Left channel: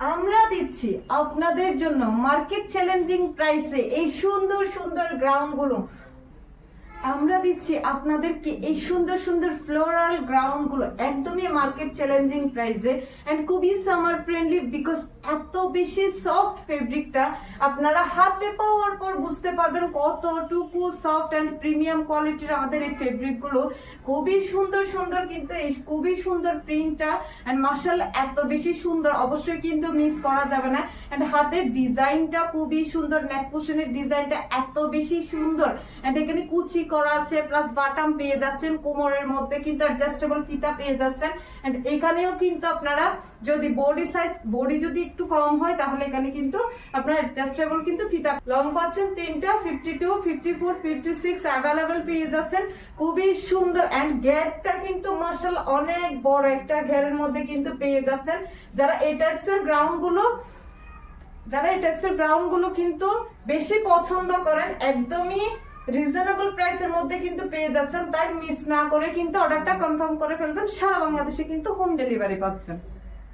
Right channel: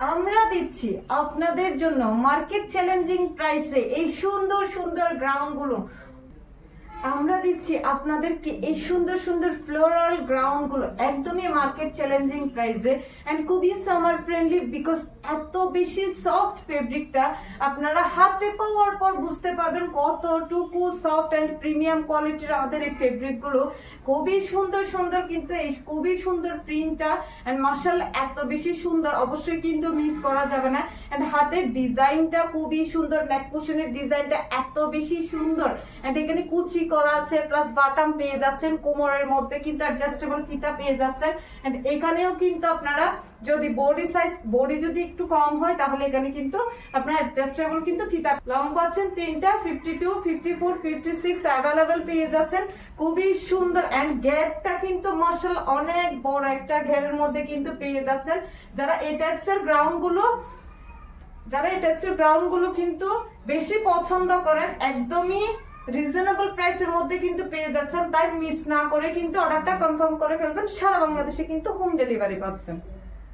আমরা দিচ্ছি আপনাদের জন্য মার্কেট চ্যালেঞ্জিং প্রাইসে এই সুন্দর সুন্দর গ্রাউন্ডগুলো। আমরা দিচ্ছি আপনাদেরকে এই সুন্দর সুন্দর ফ্লোরাল গ্রাউন্ডগুলো একদমই মার্কেট চ্যালেঞ্জিং প্রাইসে এন্ড খুবই সামার ফ্রেন্ডলি বিকজ এত বেশি সফট ফেব্রিকটা আপনারা হাতে পাওয়ার পর বুঝতে পারবেন কতটুকু সফট এন্ড প্রিমিয়াম কোয়ালিটির আমাদের এই ফেব্রিকগুলো। খুবই সুন্দর সুন্দর কিন্তু এই খুবই সুন্দর প্রিন্টটা এন্ড মার্শাল এত বেশি সুন্দর অবশ্যই কিন্তু মিস করা যাবে না। এন্ড হাতের ডিজাইনটা খুবই সুন্দর নেক ডিজাইনটা এত বেশি সুন্দর। এন্ড এখানে কুচি করা আছে প্লাস বাটাম পেয়ে যাচ্ছেন, কোমরের মধ্যে কিন্তু অ্যাডজাস্টেবল ফিতা পেয়ে যাচ্ছেন। এন্ড এখানেও কিন্তু আপনারা যদি বডি সাইজ বডি যদি একটু কম হয়, তাহলে এখানে কিন্তু আপনার অ্যাডজাস্টেবল কিন্তু ফিতা লং পাচ্ছেন তিনটা fifty two fifty four fifty six available পেয়ে যাচ্ছেন। খুবই সুন্দর অ্যান্ড গ্যাটটা কিন্তু মার্শাল অনেক বড় একটা ঘেরের মধ্যে কিন্তু পেয়ে যাচ্ছেন। যারা এই টাইপস এর গ্রাউন্ডগুলো, যারা এই টাইপস এর গ্রাউন্ডগুলো কিন্তু বেশি পছন্দ করেন, একদমই রিজনেবল প্রাইসের মধ্যে কিন্তু পেয়ে যাচ্ছেন, তাই মিস না করে কিন্তু অর্ডারটা কনফার্ম করে ফেলবেন, সারা বাংলাদেশে কিন্তু হোম ডেলিভারি পাচ্ছেন।